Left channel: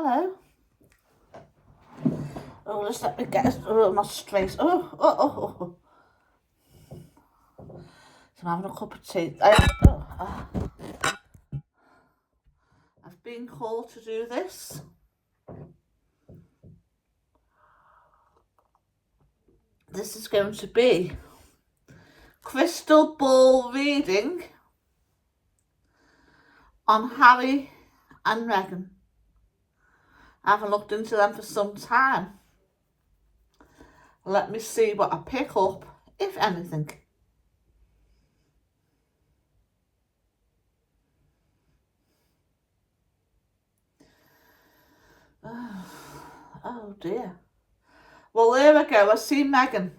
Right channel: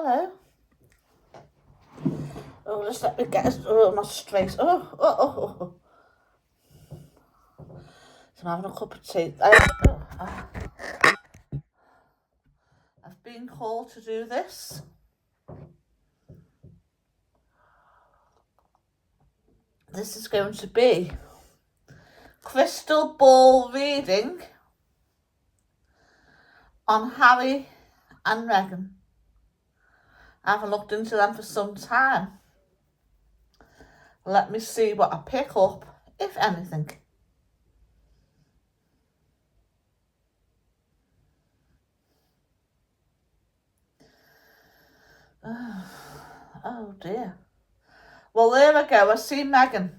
Hello. Oh, just let me get it. Oh, my straight. Oh. So I'm having a cup of tea. I've been called to do this. This is going to be crystal ball reading on Harry and Meghan. I haven't looked into them for some time. Let me see what I pick up, if anything. Oh dear. Well, there we go. I see Meghan.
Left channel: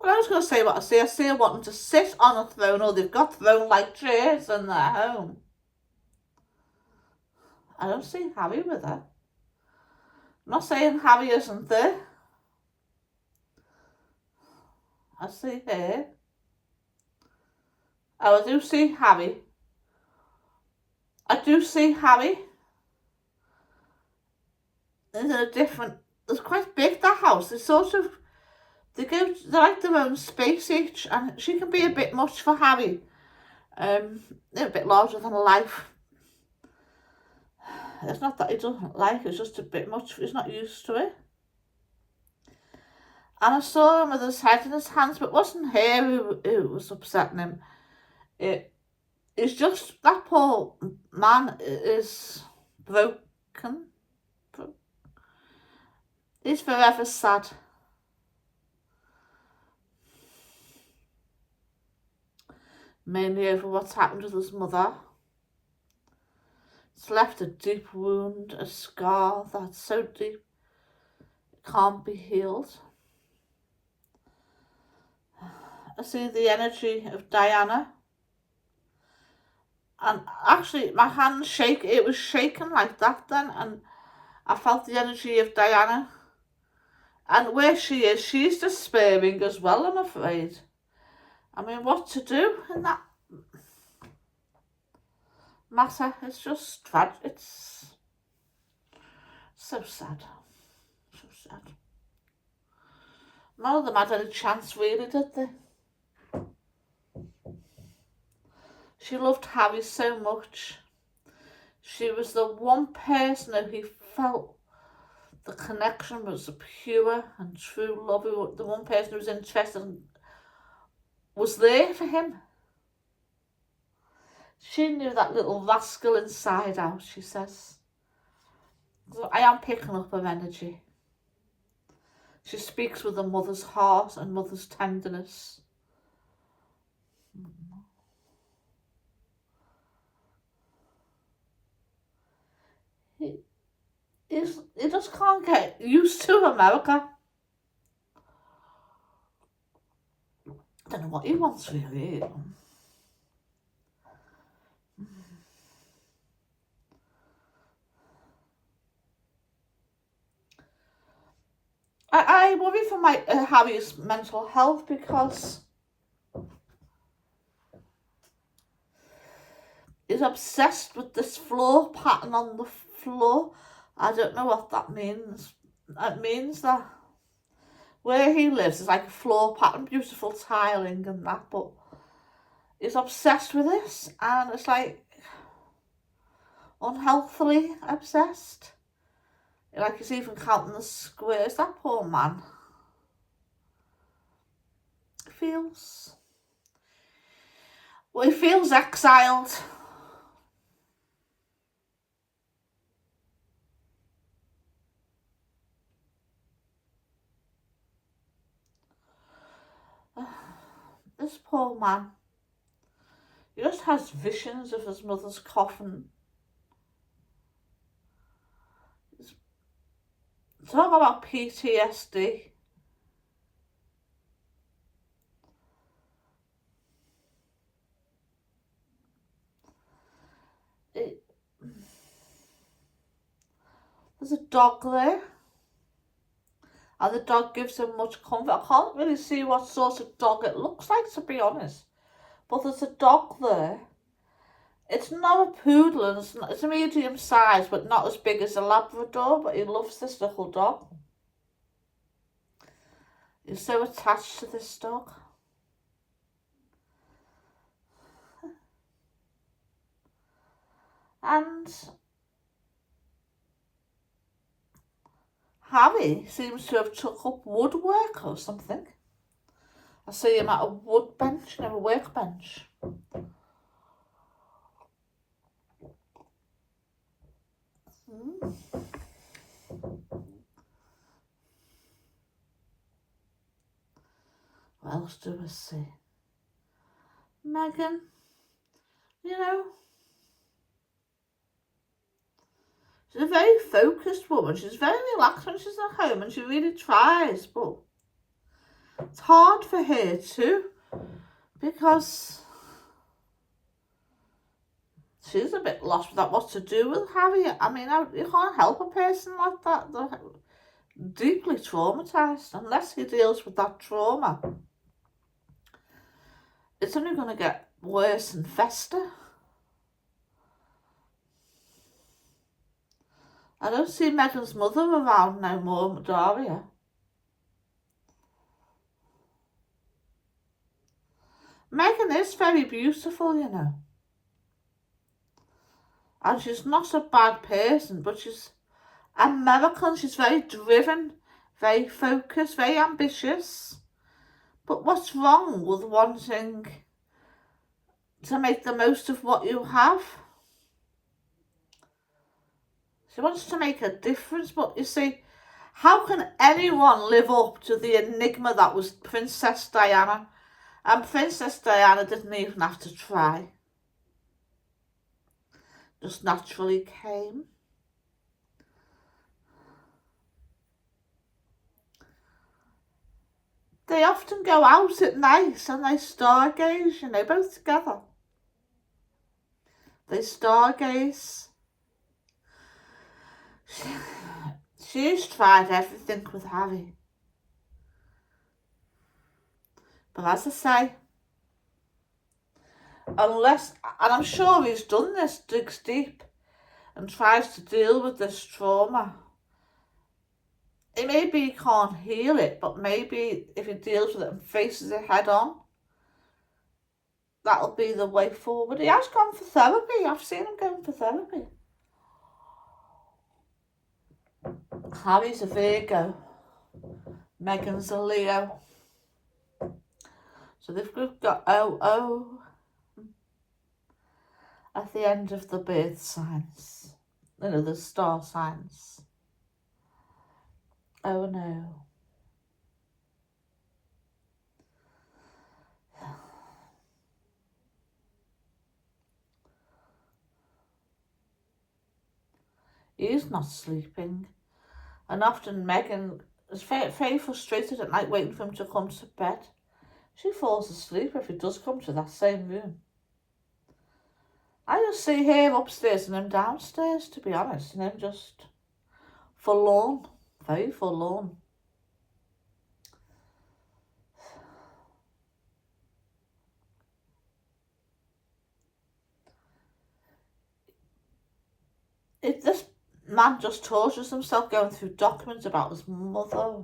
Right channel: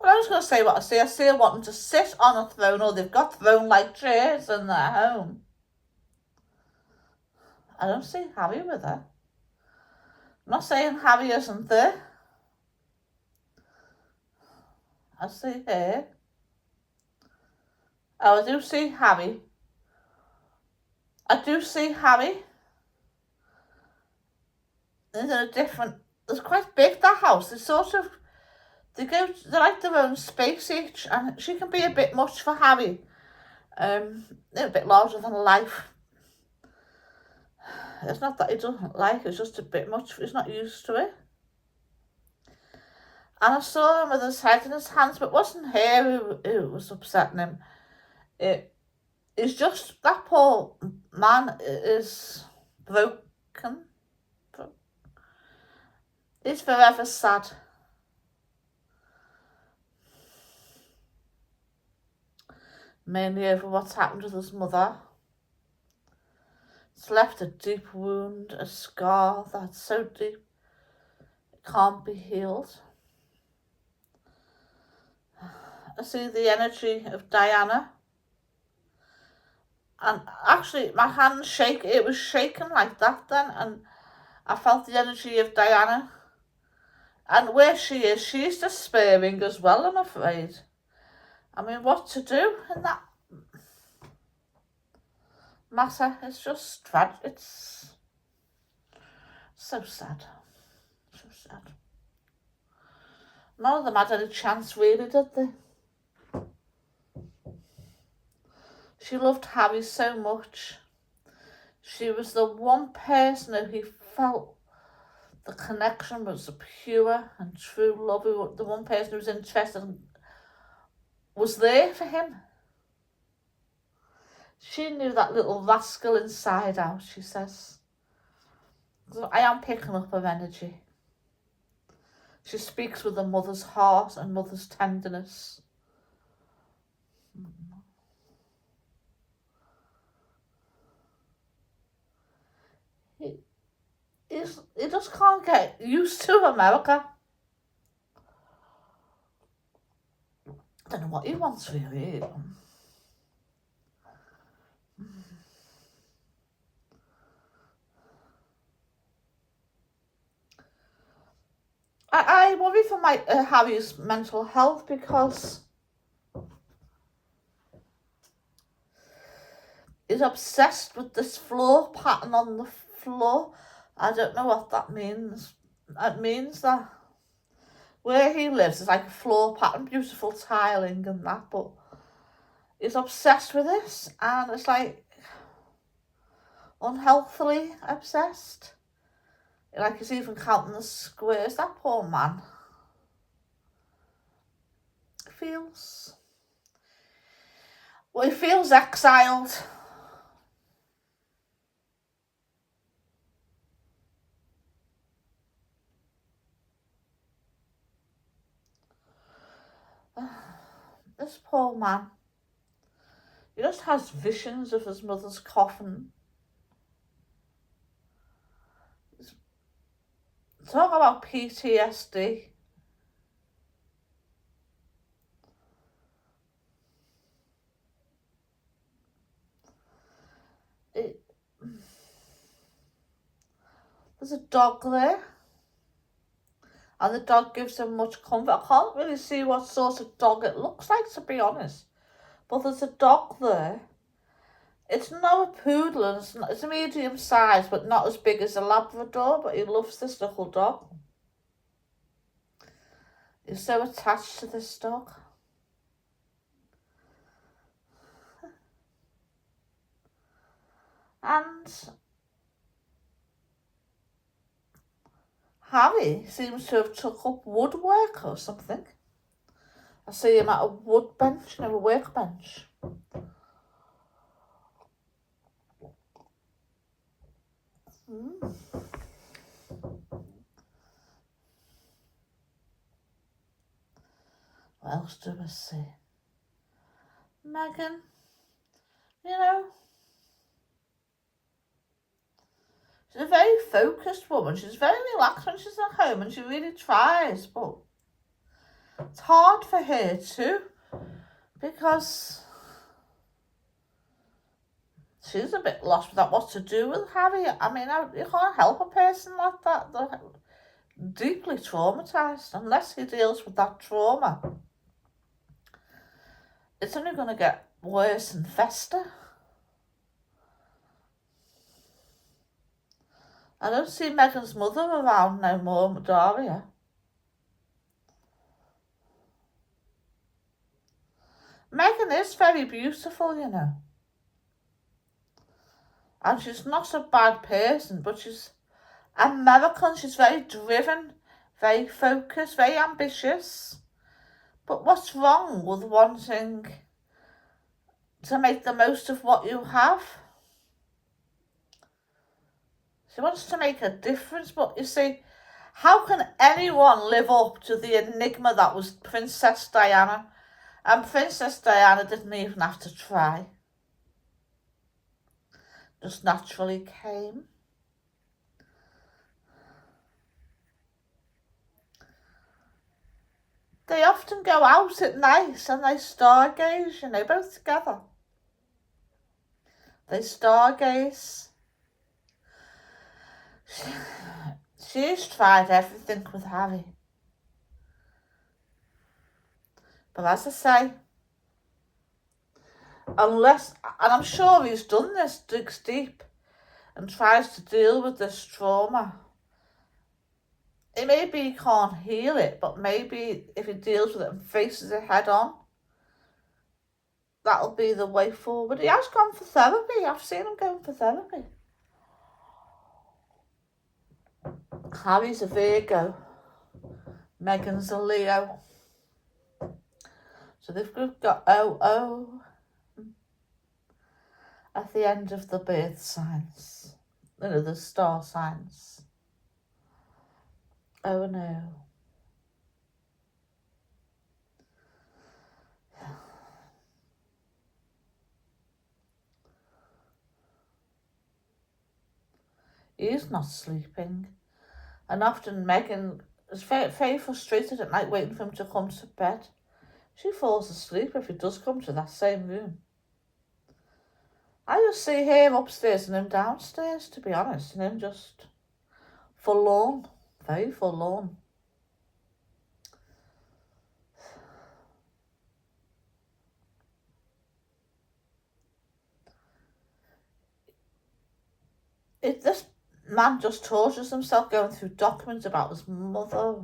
Well, I was going to say what I see. I see her wanting to sit on a throne, or they've got throne-like chairs in their home. I don't see Harry with her. I'm not saying Harry isn't there. I see her. Oh, I do see Harry. I do see Harry. It's quite big, that house. They're like their own space each, and she can be a bit much for Harry. They're a bit larger than life. It's not that he doesn't like it, it's just a bit much. He's not used to it. And I saw him with his head in his hands, but it wasn't her who was upsetting him. It's just that poor man is broken. He's forever sad. Mainly over what's happened with his mother. It's left a deep wound, a scar that's so deep it can't be healed. I see the energy of Diana. And actually, my hand it was shaking like that then, and I felt the energy of Diana. And where she is, she's despairing as well, I'm afraid. I mean, what to do in that matter? It's just tragic. It's so sad. So sad. None of them had any chance, really, did they? She loved Harry so much. She was the one person who he felt the connection was a pure and true love. The one person who was interested and was there for him. She knew that little rascal inside out, she says. So I am picking up her energy. She speaks with a mother's heart and mother's tenderness. He just can't get used to America. I don't know what he wants, really. I worry for my Harry's mental health because he's obsessed with this floor pattern on the floor. I don't know what that means. It means that where he lives is like a floor pattern, beautiful tiling and that, but he's obsessed with this, and it's like unhealthily obsessed. Like he's even counting the squares. That poor man feels, well, he feels exiled. This poor man, he just has visions of his mother's coffin. Talk about PTSD. There's a dog there. And the dog gives him much comfort. I can't really see what sort of dog it looks like, to be honest. But there's a dog there. It's not a poodle, and it's a medium size, but not as big as a Labrador, but he loves this little dog. He's so attached to this dog. And Harry seems to have took up woodwork or something. I see him at a wood bench, a workbench. What else do I see? Megan, you know, she's a very focused woman. She's very relaxed when she's at home, and she really tries, but it's hard for her too, because she's a bit lost without what to do with Harry. I mean, you can't help a person like that. They're deeply traumatised. Unless he deals with that trauma, it's only going to get worse and fester. I don't see Megan's mother around no more, Daria. Megan is very beautiful, you know. And she's not a bad person, but she's American. She's very driven, very focused, very ambitious. But what's wrong with wanting to make the most of what you have? She wants to make a difference, but you see, how can anyone live up to the enigma that was Princess Diana? And Princess Diana didn't even have to try. Just naturally came. They often go out at night and they stargaze, you know, both together. They stargaze. She's tried everything with Harry. But as I say, unless, and I'm sure he's done this, digs deep and tries to deal with this trauma. Maybe he can't heal it, but maybe if he deals with it and faces it head on, that'll be the way forward. He has gone for therapy. I've seen him going for therapy. Harry's a Virgo. Megan's a Leo. So they've got OO at the end of the birth signs. You know, the star signs. Oh no. He's not sleeping. And often Megan is very frustrated at night waiting for him to come to bed. She falls asleep if he does come to that same room. I just see him upstairs and him downstairs, to be honest, and him just forlorn, very forlorn. If this man just tortures himself going through documents about his mother,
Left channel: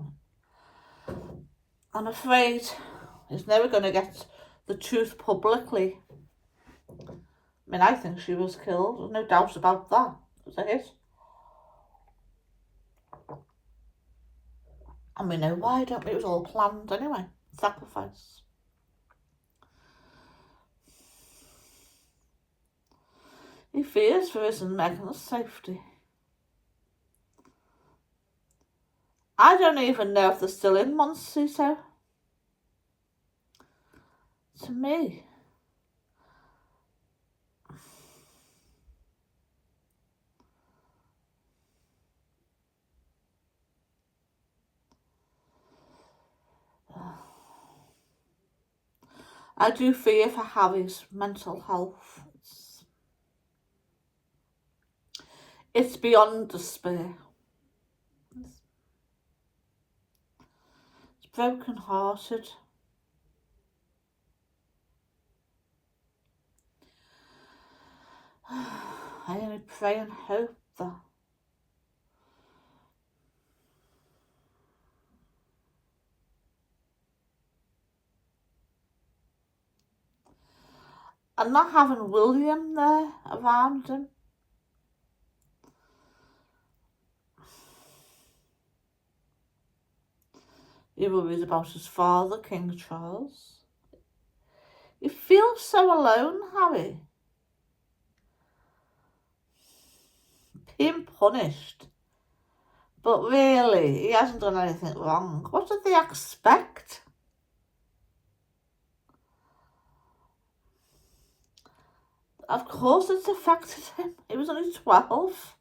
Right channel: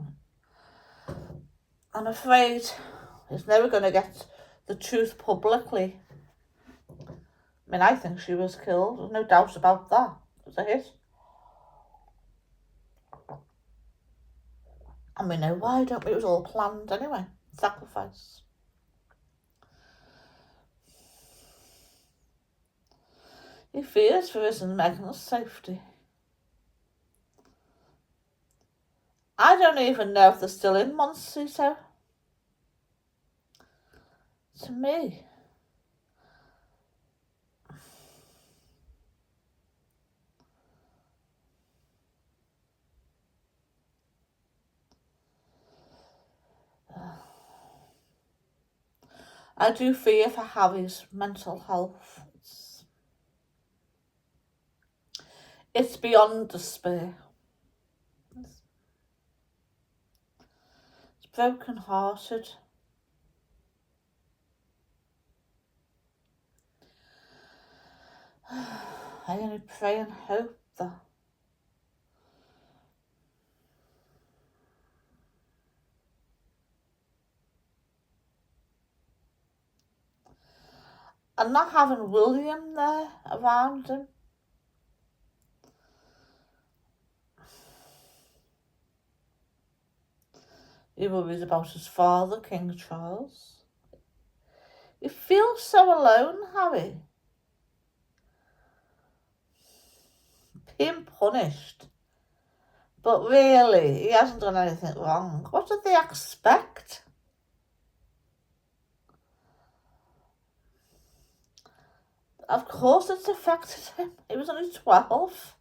I'm afraid he's never going to get the truth publicly. I mean, I think she was killed. There's no doubt about that. It was a hit. And we know why, don't we? It was all planned anyway. Sacrifice. He fears for his and Megan's safety. I don't even know if they're still in Montecito. To me, I do fear for Harry's mental health. It's beyond despair. broken hearted. I only pray and hope that and not having William there around him. He worries about his father, King Charles. He feels so alone, Harry. Being punished. But really, he hasn't done anything wrong. What did they expect? Of course it's affected him. He was only 12.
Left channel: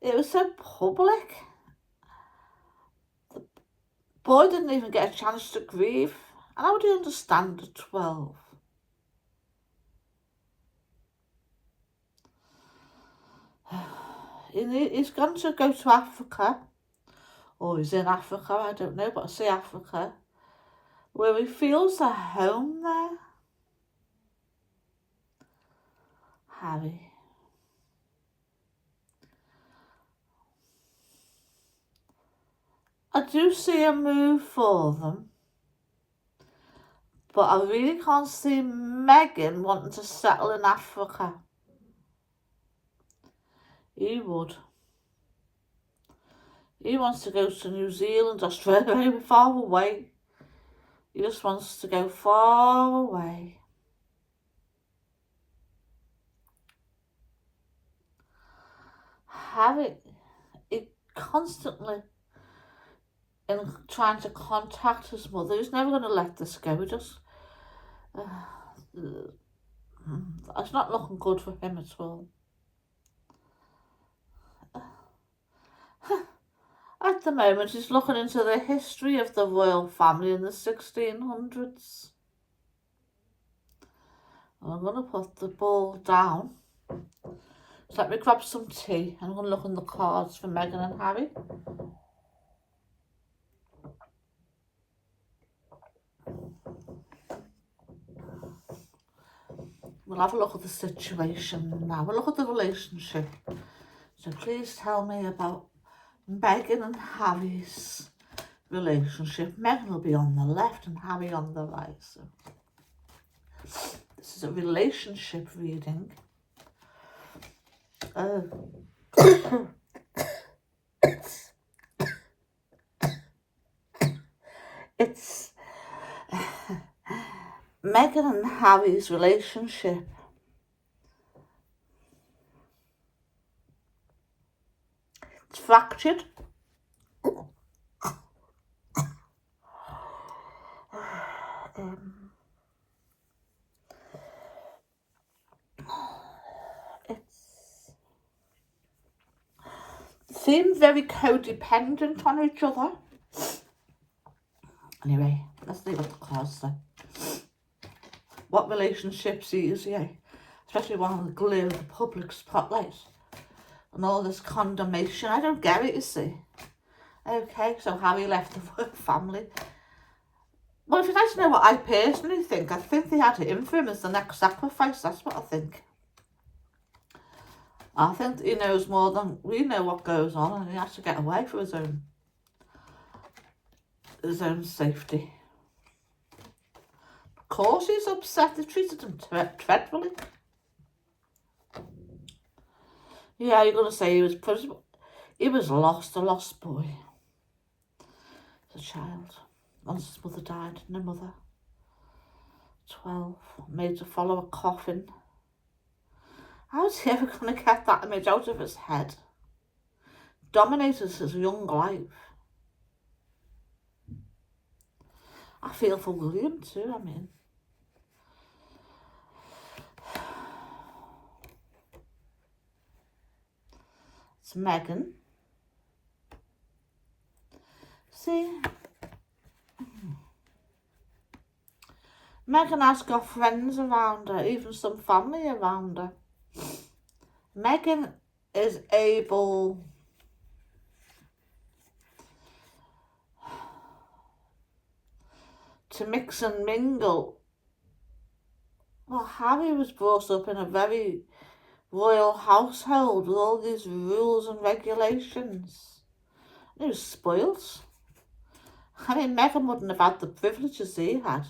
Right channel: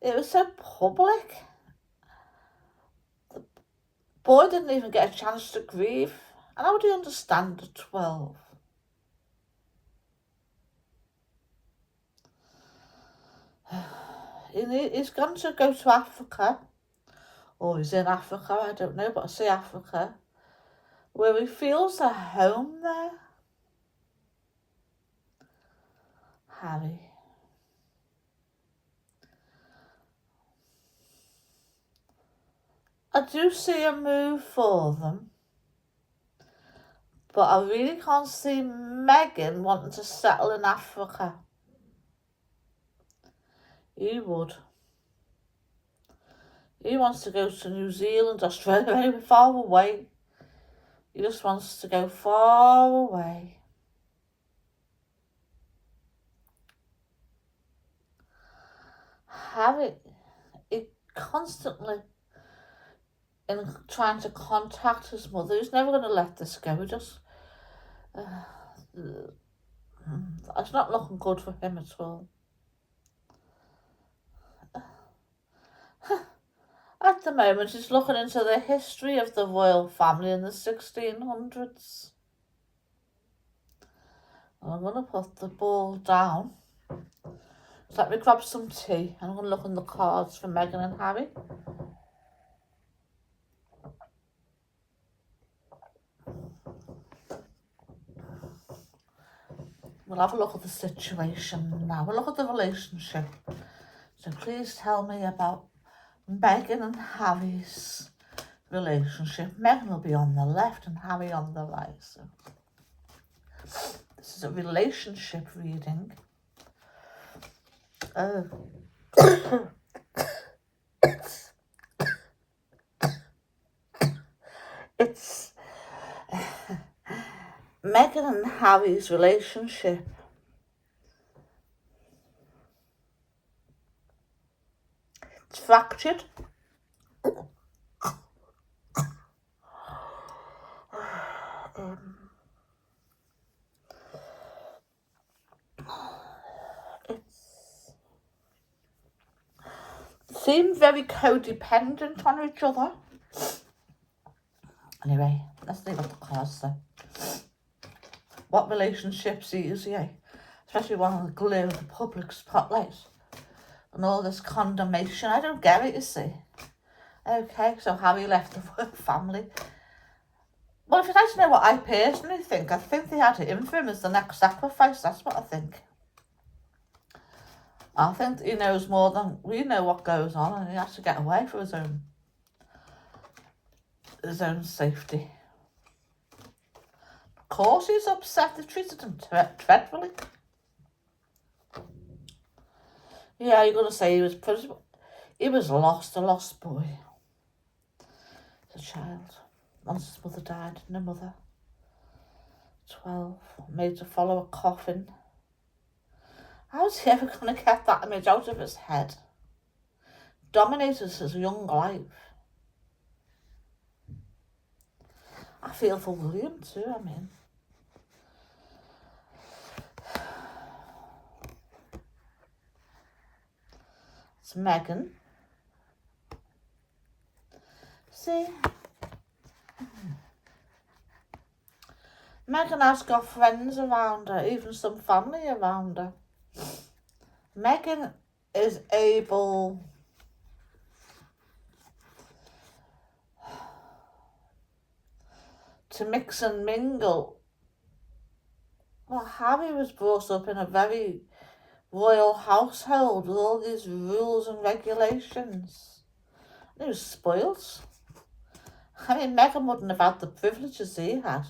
It was so public. The boy didn't even get a chance to grieve. And how would he understand at 12? He's gone to go to Africa. Or he's in Africa, I don't know, but I say Africa. Where he feels at home there. Harry. I do see a move for them. But I really can't see Meghan wanting to settle in Africa. He would. He wants to go to New Zealand, Australia, far away. He just wants to go far away. Harry, he constantly in trying to contact his mother. He's never going to let this go. He just... it's not looking good for him at all. At the moment, he's looking into the history of the royal family in the 1600s. I'm going to put the ball down. So let me grab some tea. I'm going to look in the cards for Meghan and Harry. We'll have a look at the situation now. We'll look at the relationship. So please tell me about Meghan and Harry's relationship. Meghan will be on the left and Harry on the right. So this is a relationship reading. It's Meghan and Harry's relationship. It's fractured. Seem very codependent on each other. Anyway, let's see what the cards say. What relationships easier? Especially one on the glare of the public spotlight. And all this condemnation. I don't get it, you see. Okay, so Harry left the royal family. Well, if you'd like to know what I personally think, I think they had it in for him as the next sacrifice. That's what I think. I think he knows more than we know what goes on, and he has to get away for his own safety. Of course he's upset. They treated him dreadfully. Yeah, you're going to say he was lost, a lost boy. As a child. Once his mother died, no mother. 12, made to follow a coffin. How's he ever going to get that image out of his head? Dominated his young life. I feel for William too, I mean. It's Meghan. See? Meghan has got friends around her, even some family around her. Meghan is able to mix and mingle. Well, Harry was brought up in a very royal household with all these rules and regulations. And he was spoilt. I mean, Meghan wouldn't have had the privileges he had.